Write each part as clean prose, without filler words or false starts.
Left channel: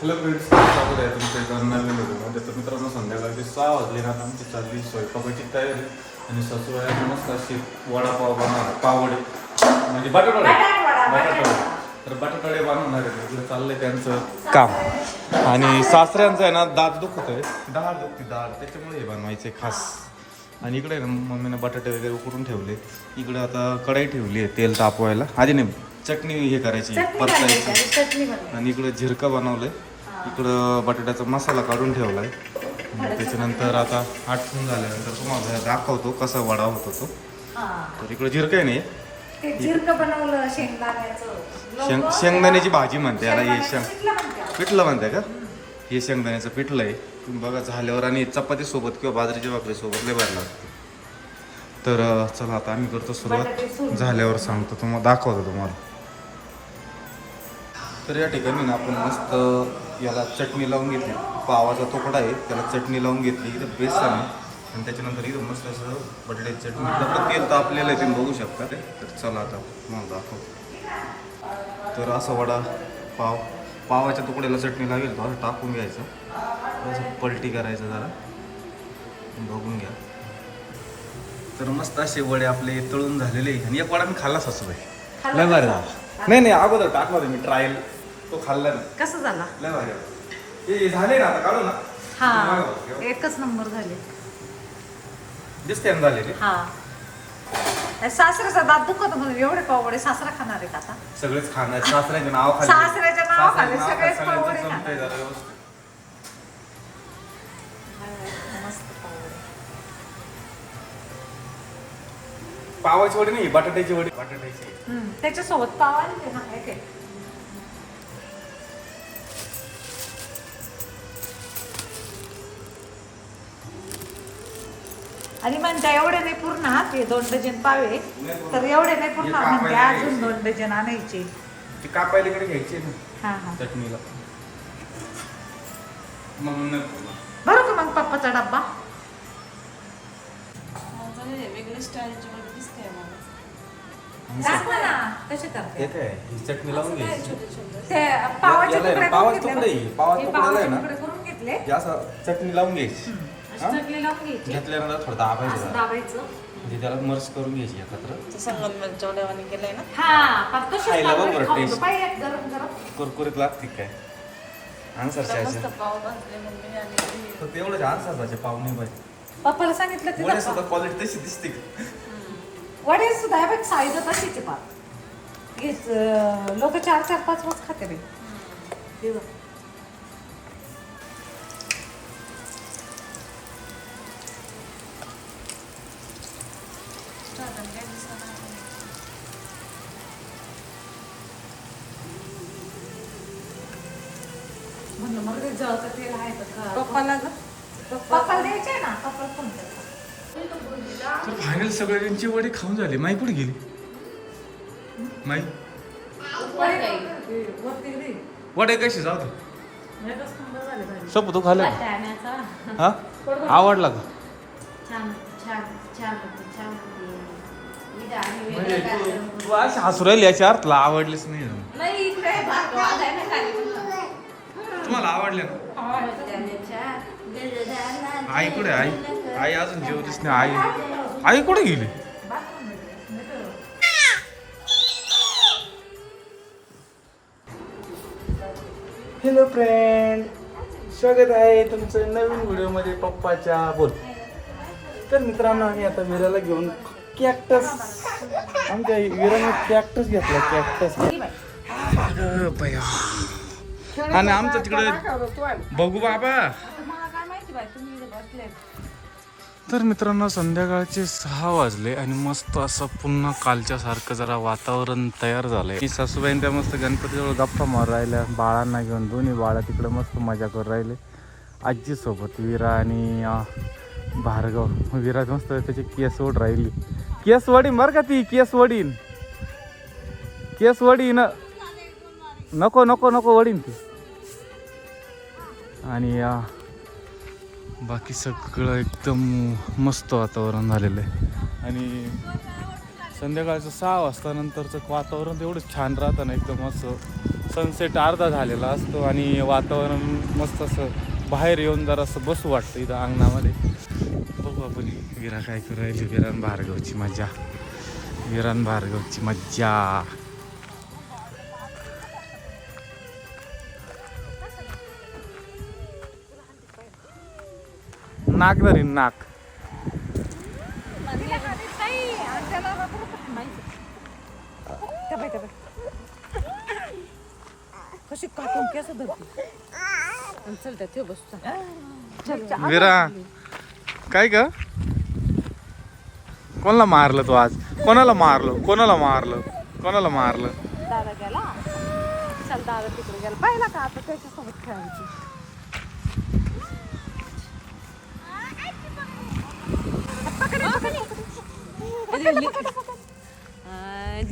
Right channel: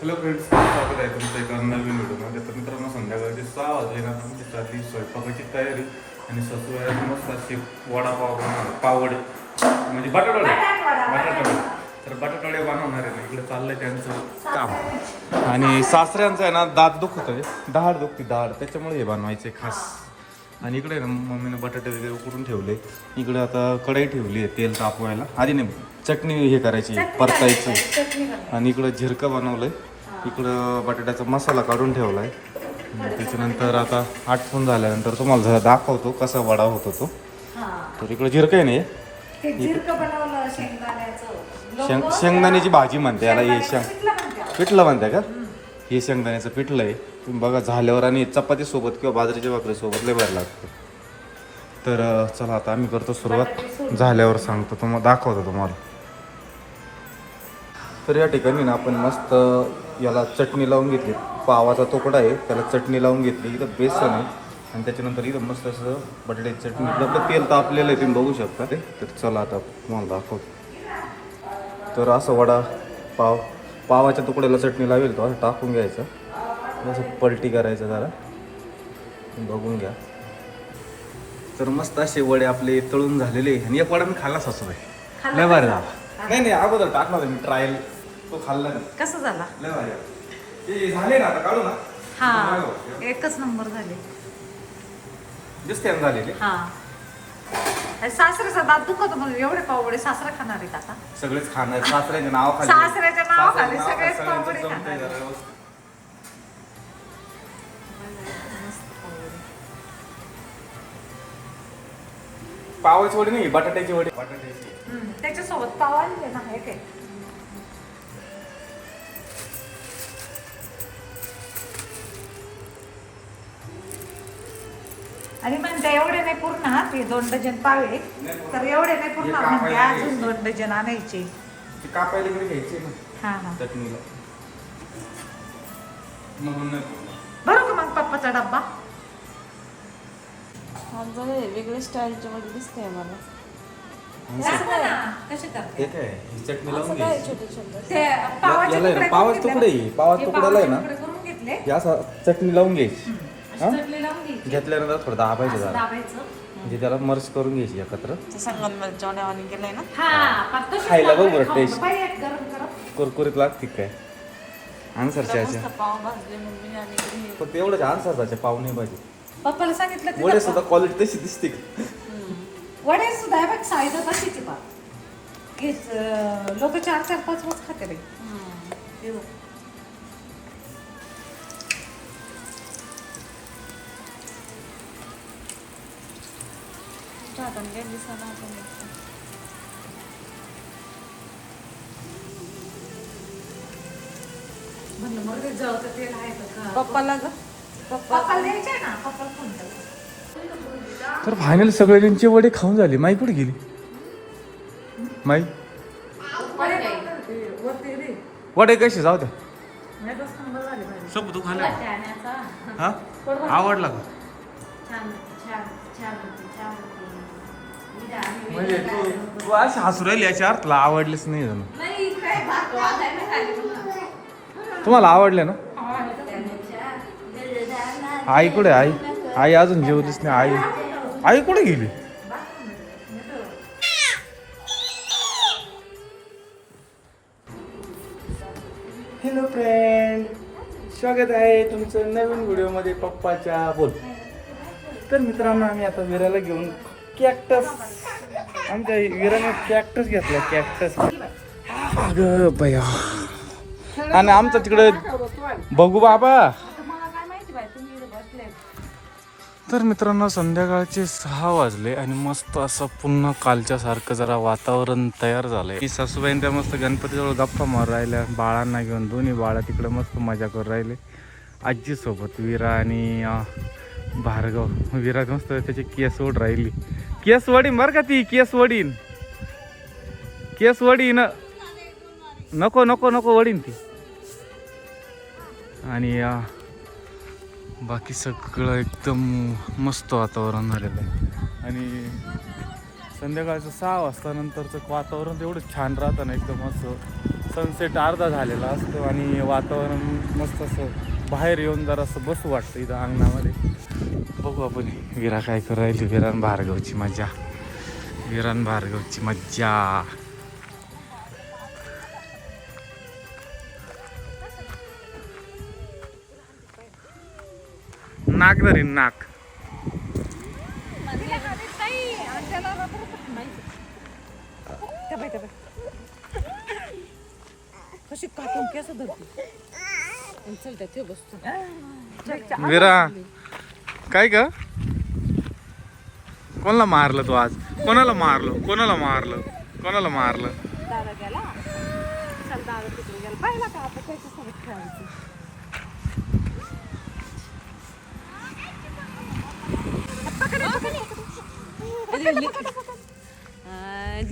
Hello friends, स्वागत आहे तुमच्या एका नवीन व्हिडिओमध्ये. तर मित्रांनो, संध्याकाळचे 6 वाजले ना, आमची चालली स्वयंपाकाची तयारी. आणि सासूबाई मस्त अशी वडापाव बनवणार, पावडे म्हणजे बटाटवडे. तर बटाटवडे बनवणार आहे. इकडे चाललंय त्यांचं काम. आणि सासऱ्यांचं आहे ना, दात दुखत आहे, डाळ दुखते, डाळ, त्याच्यामुळे हे बनवायचे खास. आणि इकडे ना मम्मीनं बटाटे वगैरे उकडून ठेवले. इकडे आता कढई ठेवली आहे तेल तापवायला. आधी नाही, चटणी हे करायची, परतायची. आणि इकडं झिरका बनवलंय. इकडं बटाट्याचा मसाला काढून ठेवला आहे. त्याच्यानंतर आता आटपून झाल्यानंतर तुम्हाला दाखवतो कसा वडा होतो तो. तर इकडं झिरका नाही, शेंगदाण्याची भाजी म्हणते याला. हे पिठलं म्हणते का? हे शेंगदाण्याचं पिठलं आहे. तुम्ही बघा झाल्यावर, आणि चपातीसोबत किंवा बाजरीच्या भाकरीसोबत लय भारी लागतं. तर चला आता आम्ही करतो सुरुवात. झाल्यावर सांगतो, तुम्हाला दाखवतो तुम्हाला. तर या ठिकाणी ना आपण मस्त याला चटणी लावून घेतली. पावाचा तुकडा आहे, त्याला चटणी लावून घेतली. इथं बेसन आहे आणि त्याच्यानंतर इथं मस्त असं बटाट्याची चटणी. आपलं तेल तापलेलं आहे, तुम्ही बघू शकता. तर चला आता तुम्हाला दाखवतो. तर असं वडा पावाच्या तुकड्याला चटणी लावेल तो असं टाकून घ्यायचं. असं पलटी करायचं जरा, बघून घ्या. तर मस्त असे वडे आपले तळून झालेले. आणि एक वडा मी खाल्ला सासूबाई, लय भारी झाला. नाही अगोदर टाकणार मी ट्रायल, तो खाल्ला नाही. कसं झाला? लय भारी ते झाले ना, आता काढू ना. हा, एकच नंबर झाले. दिसते ना झाले. हा, सासऱ्याचा दात दुखत म्हणून एवढे पावडे सासरा खाणार आहेत आता. सगळेच खाणार, सासऱ्याच्या नाव खाली, सासऱ्याच्या नावाखाली सगळेच पावडे खाणार. मस्त पावडे. पावाची वडी नाही, बटाट्याची वडी. बटाट्याची त्याच्यासोबत पाव आली ना, एक आहे. आणि म्हणता एवढे नाही पूर्ण, हा ते 2 डझन पावे, तर एवढे नाही पूर्ण म्हणते, अजून 2 डझन आणायचे. ते कापायला इकडे घ्यायचे ना. हा चटणीला म्हणून बरं का मग पप्पाचा डब्बा. वेगळ्या स्टाईलचे मध्ये दिसते मला. कसे करते? हे काय, ही चटणी लावून घ्यायची. ते पावाचे तुकडे पावाचे तुकडे, पावाचे तुकड्याला आहे ना, करून घेतले. हे असं चटणी लावून घ्यायची. चटणी लावून घ्यायची, घेतल्यानंतर थोडं दाबायचं असं जरा. दाबायचं. म्हणजे त्याला मर्ज करून घ्यायची एकत्र. संगमनेर जेवढ्यावानी गेलंय ना. हा, फक्त खायला बघ बरं, खाऊन टेस्ट. पाहिजे गरम गरम. कुरकुरीत लागते काय आन्सरचे मस्त असे. पाव भाजले मम्मीने आणि पण तेवढंच आन्सरचे पाव नाही पाहिजे. पप्पाला सांगितलं वडे तिथं सुद्धा क्वालिटी तशी दिसते का? वडे सुद्धा आहे बघ, साईज तशीच आहे पाप. लोक 4-4-5 वाज खाते रे. हे बघ. म्हणलं मग ते जळतं तेल आहे तर पप्पाला ग पप्पाला द्यायचे ना, पप्पाला फोन केला. तर फायनल सगळे त्यांचे वडे खाऊन झाले. माई कुठे गेली? माई वडे कसे जाऊ दे. सब तू खाल्लं हा? आवडला का? म्हणजे तू अशी हसू राहिली याच्या अर्थला आवडलीच नाही. तुम्हाला आवडले ना? आई कुठे? आई अजून जेवलीच नाही. आई कुठे गेली? हॅलो फ्रेंड, स्वागत आहे तुमचं नवीन व्हिडिओमध्ये पप्पाच्या बोल. तर मित्रांनो, आम्ही आता विराला घेऊन कॅक्टस, आमच्या विराने कॅक्टस घेतला. कॅक्टस बया. आणि आमचं तिकडे बघू बाबा. तर मित्रांनो, संध्याकाळचे 6 वाजले आणि मस्त असं पुन्हा कालच्यासारखं जरा वातावरण तयार झालंय. मी सासूबाईन त्या मस्त गणपतीजवळ गप्पा मार राहिल्या, बाळांना घेऊन. दोन्ही बाळा तिकडे मस्त मजा करू राहिले आजीसोबत. विरा आणि भार्गव. विरा मस्त त्याची केस ओढ राहिली. केस वडीन बरं का, ती केस वडीन, केस वडीन. नको नको नको वडीन ती. आणि बाकी सगळं एकदम मस्त वातावरण झालेलं आहे. आणि संध्याकाळचं 6 वाजता नंतरचं वातावरण तेवढं छान राहतं ना, एकदम असं सनसेट अर्धा झालेला असतो आणि वातावरण मस्त असं बाहेर येऊन जरा असं बसू वाटतं इथं अंगणामध्ये. बघू आपण विरा काय करू राहिली. विरान भार्गवची मज्जा, विरान भार्गवची मज्जा. नाक धरीन नाक. कशी काटून केस धरते. चल त्या ते बसतो. विरा काय ग, कोणाला मारलं तू आज? कोणाला मारलं? कोणाला मारलं? कोणाला मारलं? दादा गेला. चल दादा तिकडे गेला. पाहिला का आता त्याच्यासोबत खेळायची.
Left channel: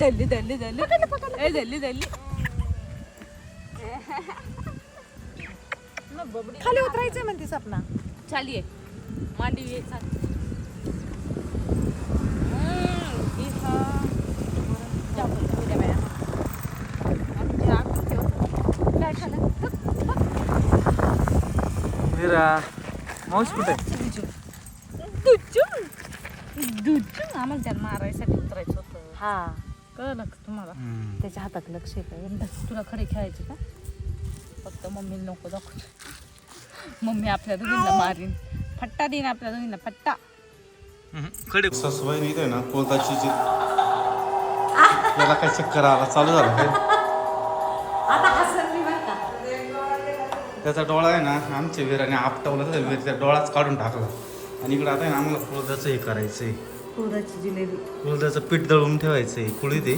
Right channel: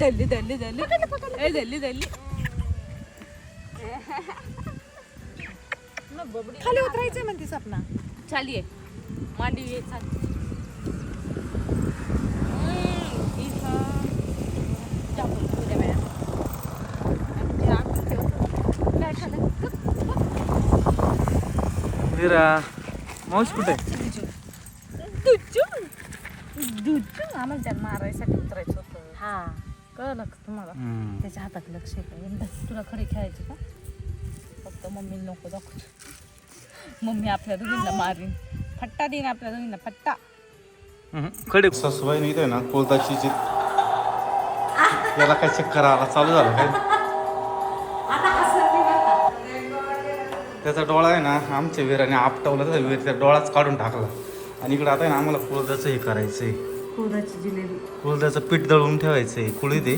दल्ली दल्ली दल्ली दल्ली दल्ली. खाली उतरायचंय म्हणते सपना. चालिये मांडी ये चाल. विरा मावशी कुठे? आम्हाला त्याला मारायसाठी उतरायचं होतं. हा कळलं का तुम्हाला? त्याच्या हातात लक्ष आहे. तुला खडे खेळायचे का? फक्त मम्मीला नको दाखव. मम्मी आपल्या दोघींना मारीन. फट्टा देईन आपल्या दोघींना फट्टा. कडे सासूबाई इथे ना कोलताची त्याला काय चक्कर आला चालू झालं काय. त्याचा डोळा आहे ना आमच्या विराने आपटवला, तर त्या डोळाच काढून टाकला. आणि इकडे आता आहे ना आम्हाला कुळदाचं हे करायचंय. कुळदाची जिलेबी. कुळदाचं पीठ दळून ठेवायचंय. कुळी ते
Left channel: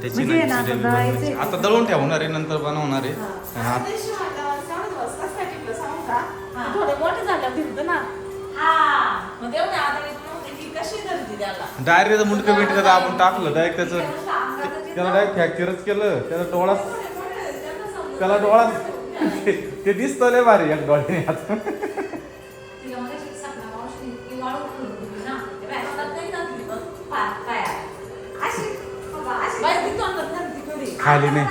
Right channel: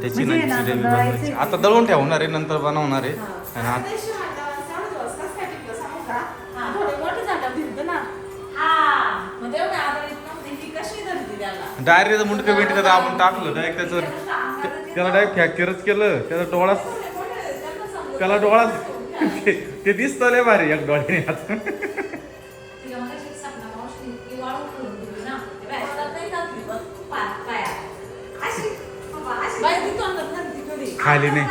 त्याची जिलेबी बनवायची. आता दळून ठेवणार आहे, नंतर बनवणार आहे. आणि आता डायरेक्ट मुंडकं बिंडकं दाबून टाकलं. डायरेक्ट त्याला डायरेक्ट फ्रॅक्चरच केलं. त्याला डोळा ते दिसतं लय भारी एक डोळ्याने आता. खाली नाही.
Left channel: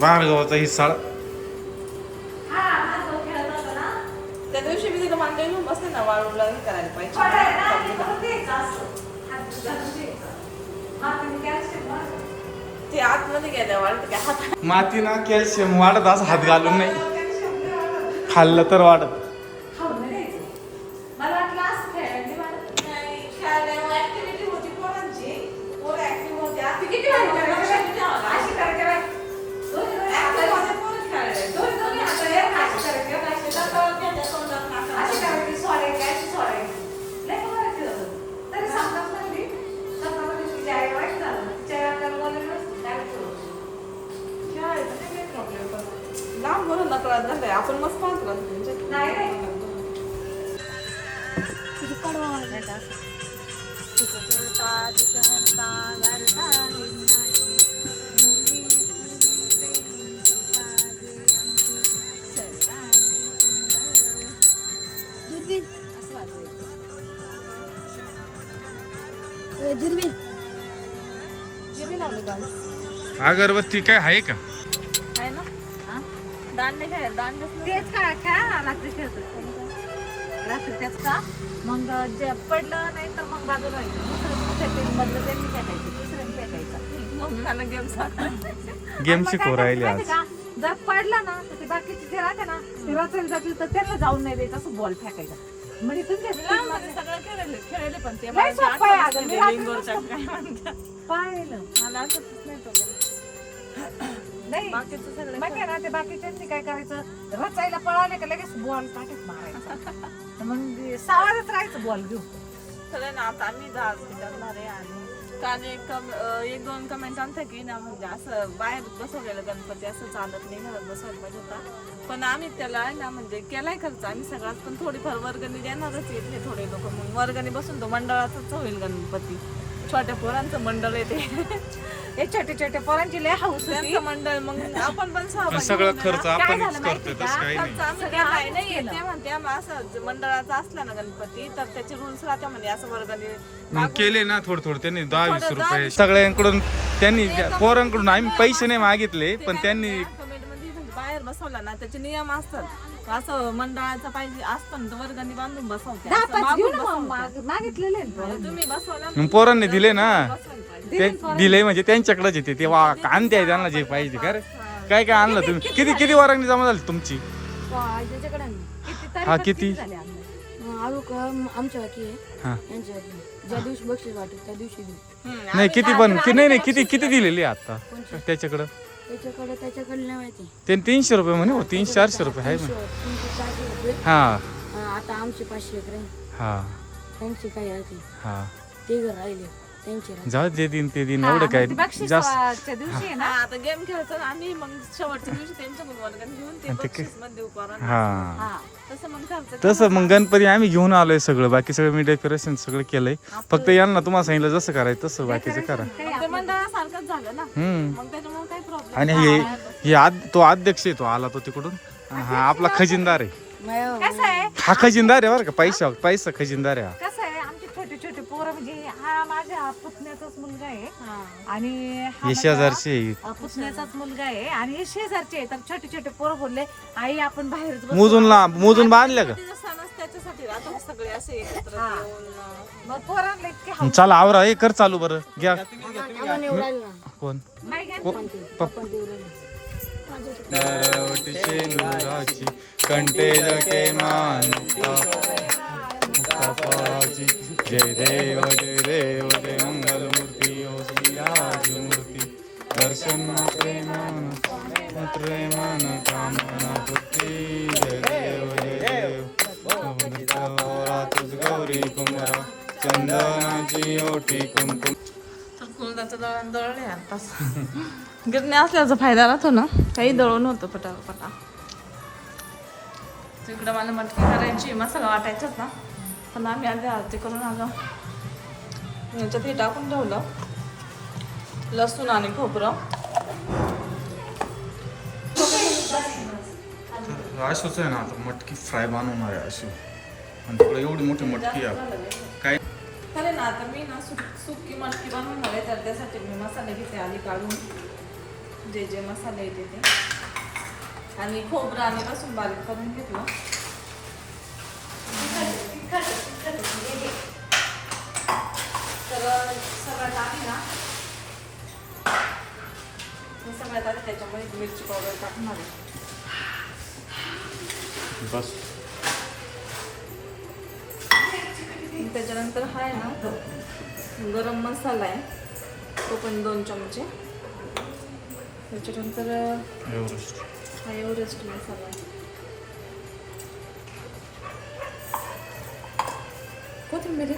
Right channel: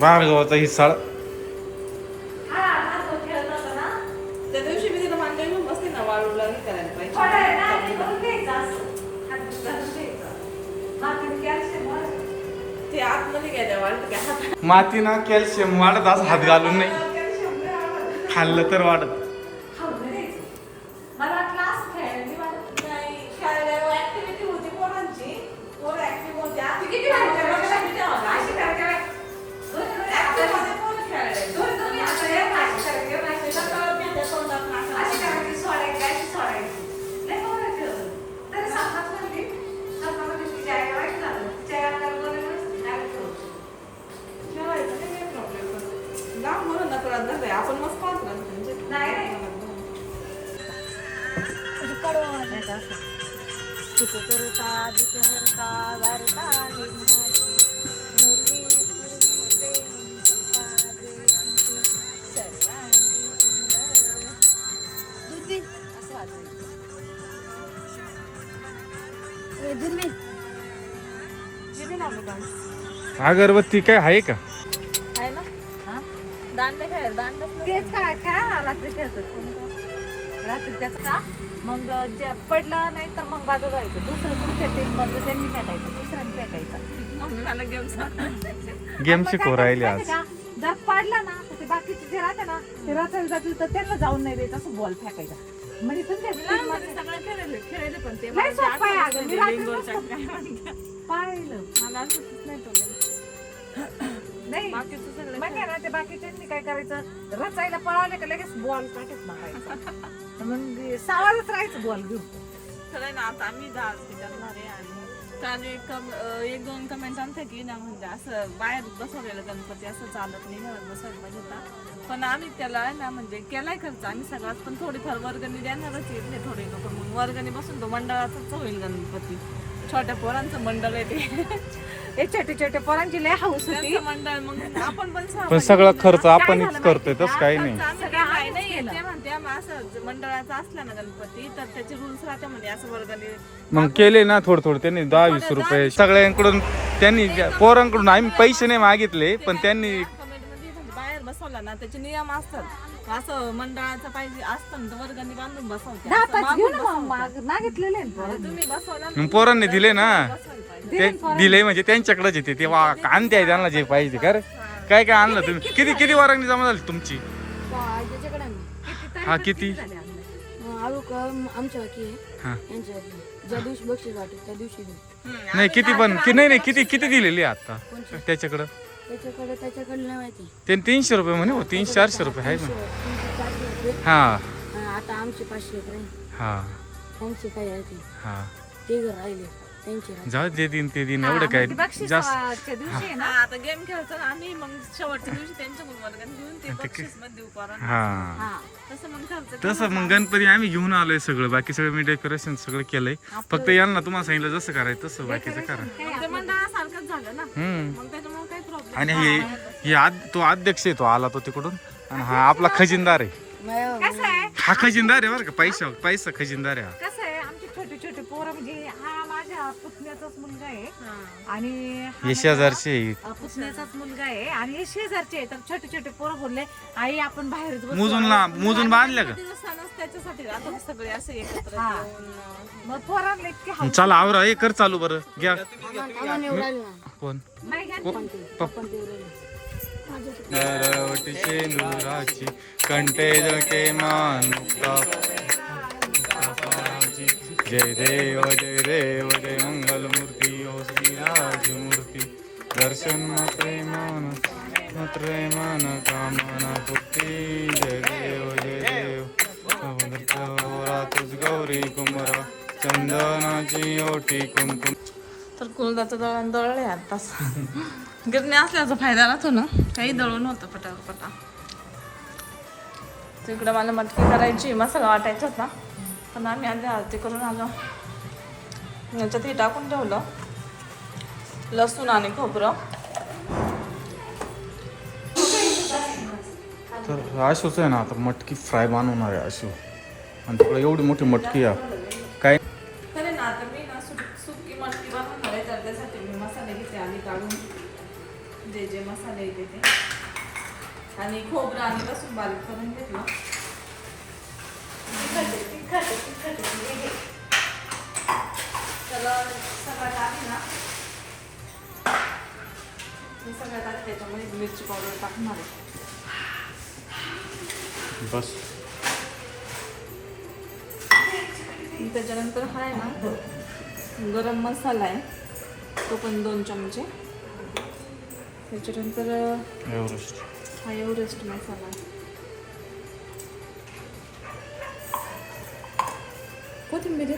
भार्गवाचा हिस्सा. त्या दिवशी मी तिला मांडी घेऊन बसते ना वाळूला हे करायला ते आतमध्ये गेल्या वाळत हात माती ना कॅल्शियम वाढत, असं हात घालून नाही खाल्लं तर वाढत. लांब म्हणून ना कळत नाही. आपण मस्त पाहतो अगरबत्ती काय आहे का? आहे ना. दांडे काय दांडे तेच काय खेळा रात्री खेळतो. रात्री त्याच का मग जे पडला नाही तर मग बाजू राहायचं. दुसरं कुठे ते बदल त्यांनी फेकायचं, दुसऱ्याने फेकायचं. झालं गेम गेम शिकवू राहिली आज. जर पडला ना तर ते बाकीचे जे राहते ना ते रचून जातील तर त्यांना जाऊन नाही द्यायचं. असं बॉल फेकायचा. म्हणजे तुमच्या सगळं खेळले पण ते लय सोपं आहे अगं. मी रात्री लिंगोरचं मस्त काय म्हणतात. पाहिलं. मला असंच नाही नाही बाकीचं सगळं मग काय ना ते बाकीच्यांनी काय करायचं, रचायला पळाले का लगेच बॉल काटत मारायचा. मग सावरच राहायचं बॉल घेऊन. सगळं ना आता आम्ही 10 करणार आहे आणि काल एक दोन कमेंट आमच्या की ना म्हणजे असं बाहेर बसवलेलं गणपती असं चालत नाही म्हणून बसवलं पाहिजे होता. पण आम्ही त्याला आहे ना म्हणजे केलाय खर्च आम्ही सगळ्यात, पण थोडीफार वर्गणी देणारच येते थोडे लोक. मग वर्गणी बसून तो मंडळाचाच होईल गणपती. छोट्या पोरांचं मंडळ आहे ते. छोटे छोटे पोरांची लय हाऊस होती. त्यांचं मंडळ मग आपण पण पण सगळा खर्च आपणच करतोय तसं काही नाही. ते म्हणते आम्ही असं मंडळाचा असला ना गणपती तर त्याचे रूल्स राहते म्हणजे असं वर्गणी मग केले ना थोडं त्यांनी 10-20 रुपये सगळ्यांकडून त्यांनी पोरांकडून आम्ही पैसे नाही मागितले पण त्यांनी कमिटीमध्ये म्हणजे बाहेर बसवला ना त्याचे नियम असतात. असं मंडळाचं पाहिजे असतं ना वर्गणी बांधून बसवते. असं मागून बसवते. मागितलेले तुम्ही बसवला मग पोरांनी दिले ना बसवायला पाहिजे. ते दिले म्हणजे त्यांच्याकडेच येते ते आणते आहे त्यांना जे पाहिजे का रे काय काय आणलं तुम्ही किती वर्गणी जमा झाली तुमची हा किती आमच्या वाकी हा आहे यांच्या वाकी ज्या दिवशी बक्षीस वाटेल त्या दिवशी देऊ. नाही किती पण नाही किती दिलेली आता त्याच्याकडं त्याच्याकडे नाही माहिती. ते 300 रुपये म्हणे 300-400 रुपये आहे म्हणे 300-400 रुपये. हा आता आमचे 500 एक राहील. हा त्यांचे काय आहे ते हा घर राहिले त्यांचे राहिले. जाऊ ते दिन एवढं काय जास्त दिवशी ना आता गेम खेळतो ना आम्ही मग शेवटच्या दिवशी त्यांच्याकडून वर्गणी घेऊन ते बक्षीस मध्ये देऊ करून. हा तसं मग खर्च तसं मग गणपती आम्ही घेऊन आलोय सगळं बाकी सगळं मी डेकोरेशन सगळं केलंय फक्त यांना तुम्हाला सांगितलं जसं करायचं तसं बाकीचं करा. ते मंडळासारखंच झालं ना मग त्याच्यामुळे काही प्रॉब्लेम आणि तो अध्यक्ष आहे तो आला तो तिकडून आणि हा आपला खजिनदार आहे. कसं आहे हा खजिनदार आहे बरं का पैसा खजिनदार आहे हा. कसं आहे आमचे छोटे छोटे पोरं म्हणजे हा माझ्या पुतण्याचाच मुलगा आहे आणि हा हे शेजारचे आहे. पुतण्याचाच मुलगा आहे आणि हे शेजारचे आहे. तर छोटे छोटे पोरं बोलले आई आपण बाहेरच बसू." मोजून बांधल्या का तिचा सणच त्याच्यासाठी आता सगळे असे एकत्र हा. येऊन मग पोरांना इतके चला आवरा हे कर चालू बरं घ्या आम्हाला एवढं राहिलं ना. कोण नाही घ्या. पण ते राहिलं. नरवटी सेंदुराची कंठे जटे मानुक्ता मुक्ताफळाची जय देव जय मंगल मूर्ती ओ श्रीराज मूर्ती दर्शन मात्रे मन कामना पूर्ती जय देव तुझ गौरी कुंभरा चंदनाची ओठी कुंकुम. तर कुलदाचं दळण दळले आताच. गिरणी असल्याचा फायदा राहतो ना काही दळून होतं पटापटा. तिकडं मला मटकी करायची मसाला वाटायचा होता पण आम्ही आधी आरती करून आलो. याच्यात हे टाकून ठेवलं लसूण आणि खोबरं. तर आशूच आहे ना आता मटकी फ्राय बनवणार आहे आशू आणि तुला एवढी मोठी मटकी आहे काय खरे ना आता मी ना सुकी मटकी बनवणार आहे तर त्यासाठी मी मसाले घेते आधी काढून जे मसाले येते ते आणि खोबरं आणि लसूण बारीक करून घेतलं. तर सगळ्यात आधी ना मी सगळ्यात आधी त्याच्यामध्ये मिरची पावडर टाकणार आहे. बस त्याच्यानंतर हा आहे ना गरम मसाला आहे तो पण 2 चमचे. त्याच्यानंतर एव्हरेस्ट हा एव्हरेस्ट मसाला आहे. कोथिंबीर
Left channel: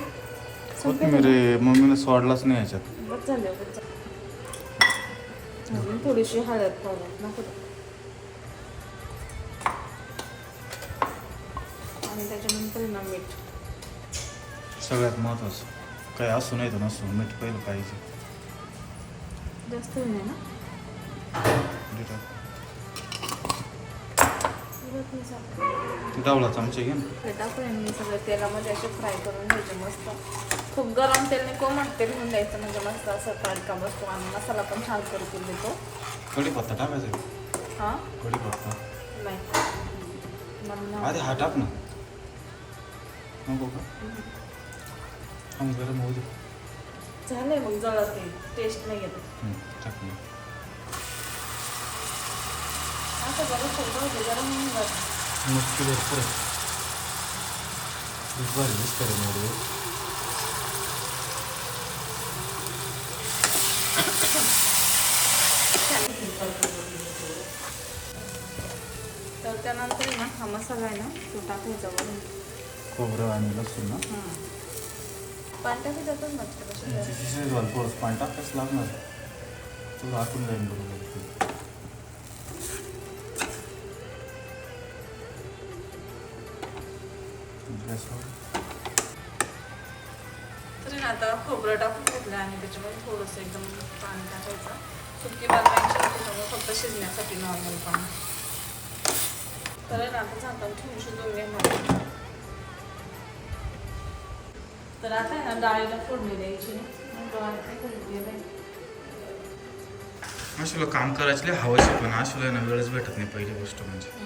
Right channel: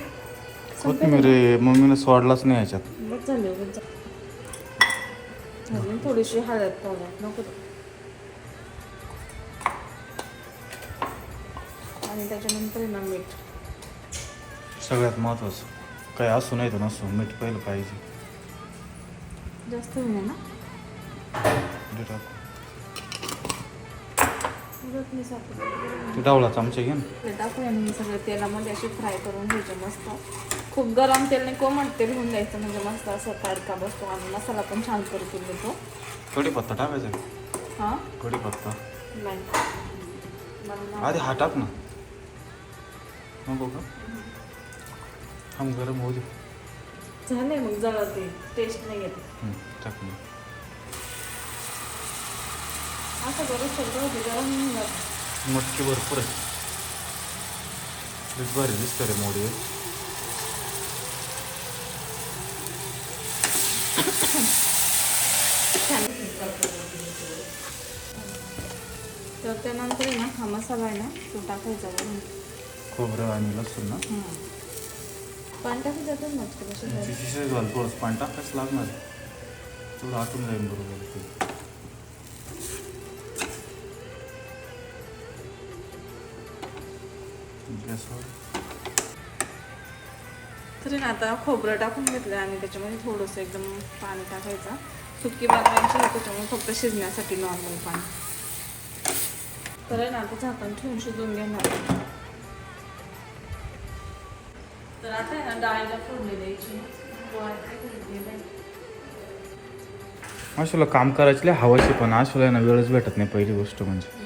मम्मीने सोडलाच नाही याच्यात. बस झाले अजून थोडीशी हळद पावडर नको आणि त्याच्यानंतर ना मीठ. सगळ्यात महत्वाचं काय असू नाही तर नसू मीठ पहिलं पाहिजे. जास्त होईल ना ते डावळा चमचे घे ना. ते टाकून आणि सगळं तेलामध्ये असे फ्राय करून घ्यायचे मस्त. खूप गरम तेलने कोमट तेल होऊन द्यायचं म्हणजे मस्त असं तडका बसतो आणि मसाला पण छान परतून देतो. कढीपत्ता टाकायचा का? हां कढीपत्ता नाही मला आधी हा टाक ना नको का थांब गरम होऊ दे. झाले मग जळत ते टेस्ट नाही येत. टाक ना. असं गरम सगळं होतं गरम नाही होत. मटकी भरपूर आहे. बरं दिसतं रे मोडी. तर त्यानंतर ना हा मसाला आहे ना तो टाकायचा वरून. खोबरं आणि लसूण ना पाणी टाकू त्यातून मस्त कशी शिजवायला थोडंसं पाणी टाकायचं लागणार थोडं आतून जाईल बरोबर गॅसवर तरी ना आता खोबरं टाकून घेतलं आणि त्याच्यामध्ये थोडंसं एकदम पाणी टाकायचं सुटकी भाकरांची त्याच्यामुळे फक्त शिजण्यासाठी नॉर्मल पाणी तर आहे ना आता झाकण ठेवून शिजून घेणार तर आता आहे ना डाळीला फोडणी द्यायची अशाला काम करायची लय हवाशी पण अशाला ना वेळच भेटत नाही पहिली गोष्ट म्हणजे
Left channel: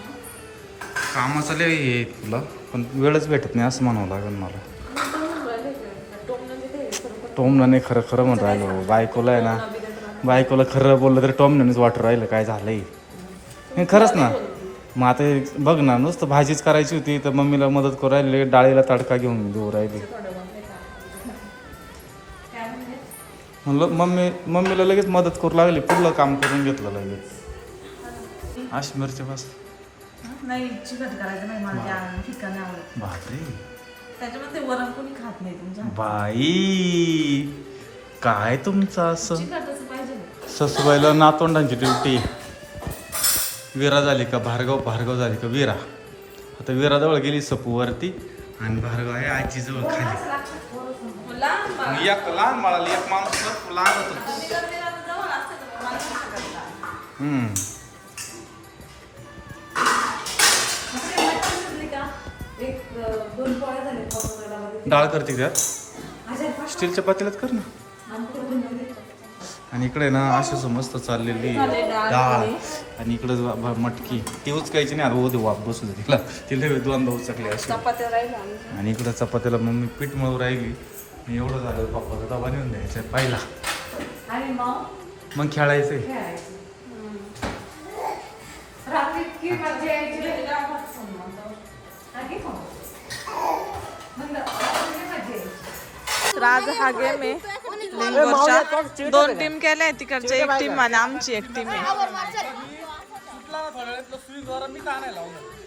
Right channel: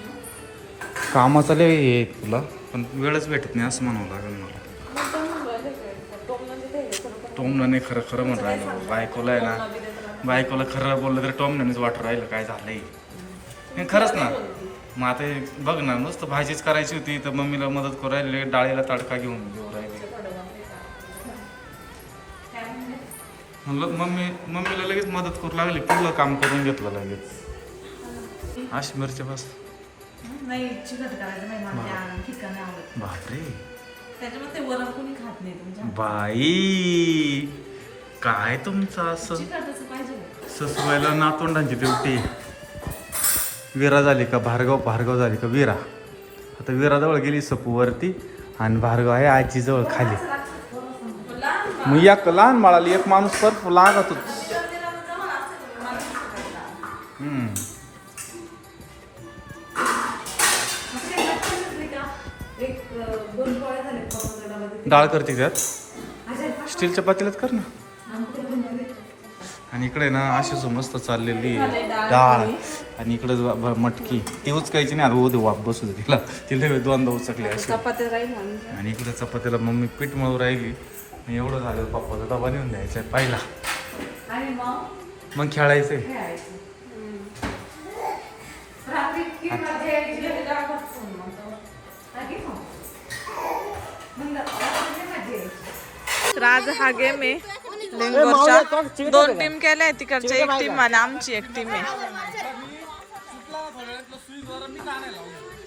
कामाचा लय हे तुला पण वेळच भेटत नाही असं म्हणावं लागेल मला टोमनं नाही खरं खरं म्हणून राहिलं बायकोला आहे ना बायकोला खरं बोललं तरी टोमनंच वाटत राहिलं काय झालंय नाही खरंच ना मग आता हे बघ ना नुसतं भाजीच करायची होती तर मम्मीला मदत करू राहिली डाळीला तडका घेऊन देऊ राहिली म्हणलं मम्मीला लगेच मदत करू लागली पुढलं काम करून घेतलं लगेच अशी मिरची बस नाही चिकट करायचं नाही मला ठिकाण नाही आवडत बापरे त्याच्यामध्ये वरण कोणी खात नाही तुमच्या बाई काय तुमचं असं चिकटच पाहिजे ससुबाईला नातोंडांची ड्युटी विरा झाली का भार्गव झाली का विरा आता विराजवळ गेली सपूवरती आणि भार्गव आहे आजीजवळ खाली मी एक लहान बाळाला एक माणूस तर लागत होता डाळ करते त्यात स्टीलच्या पातेल्यात कर ना आणि इकडे ना अशीच मस्त चाललेली डाळ आणि इकडे मटकी ती उचकायची नाही आता उद्या वाप बसू दे तिला दोनदा उचकली अशी आणि इकडे चपात्याला मम्मी पीठ मळू राहिली मी एवढं झालं पप्पाचा डबा नेऊन द्यायचा पहिला मग खेळायचंय तर आज हा गेम आहे लिंगोरच्या 2 टीम केल्या तिकडच्या एक टीम आणि आमची एक टीम आहे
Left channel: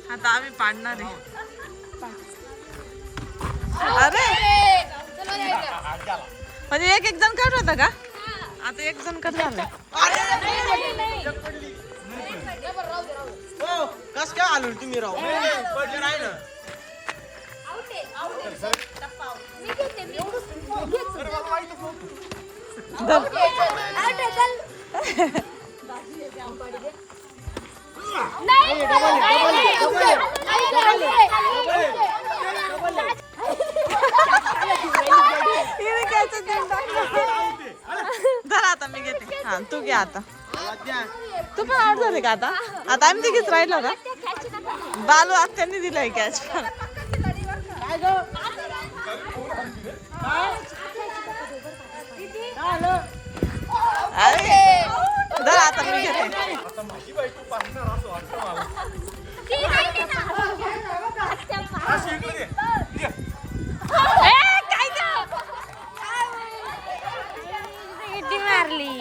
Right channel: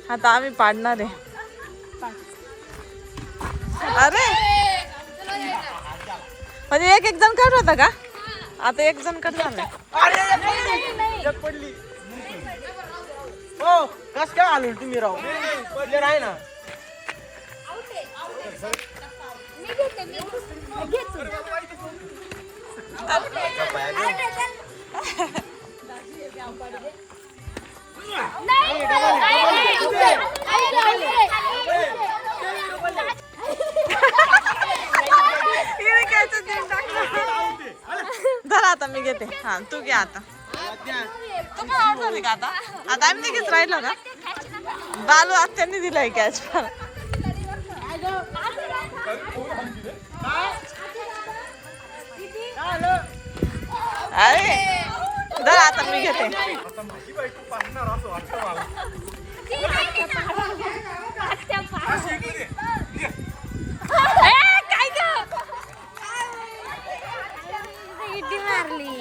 आता आम्ही पाडणार आहे अरे म्हणजे एक जण कट होता का आता एक जण कट झालं धर आता मी घेते हा तू घे आता तू पण आउट झाली का आता आम्ही तिघीच राहिलो का बालू आत्यांनी दिलाय कॅच अरे धर आता मी घेते मारली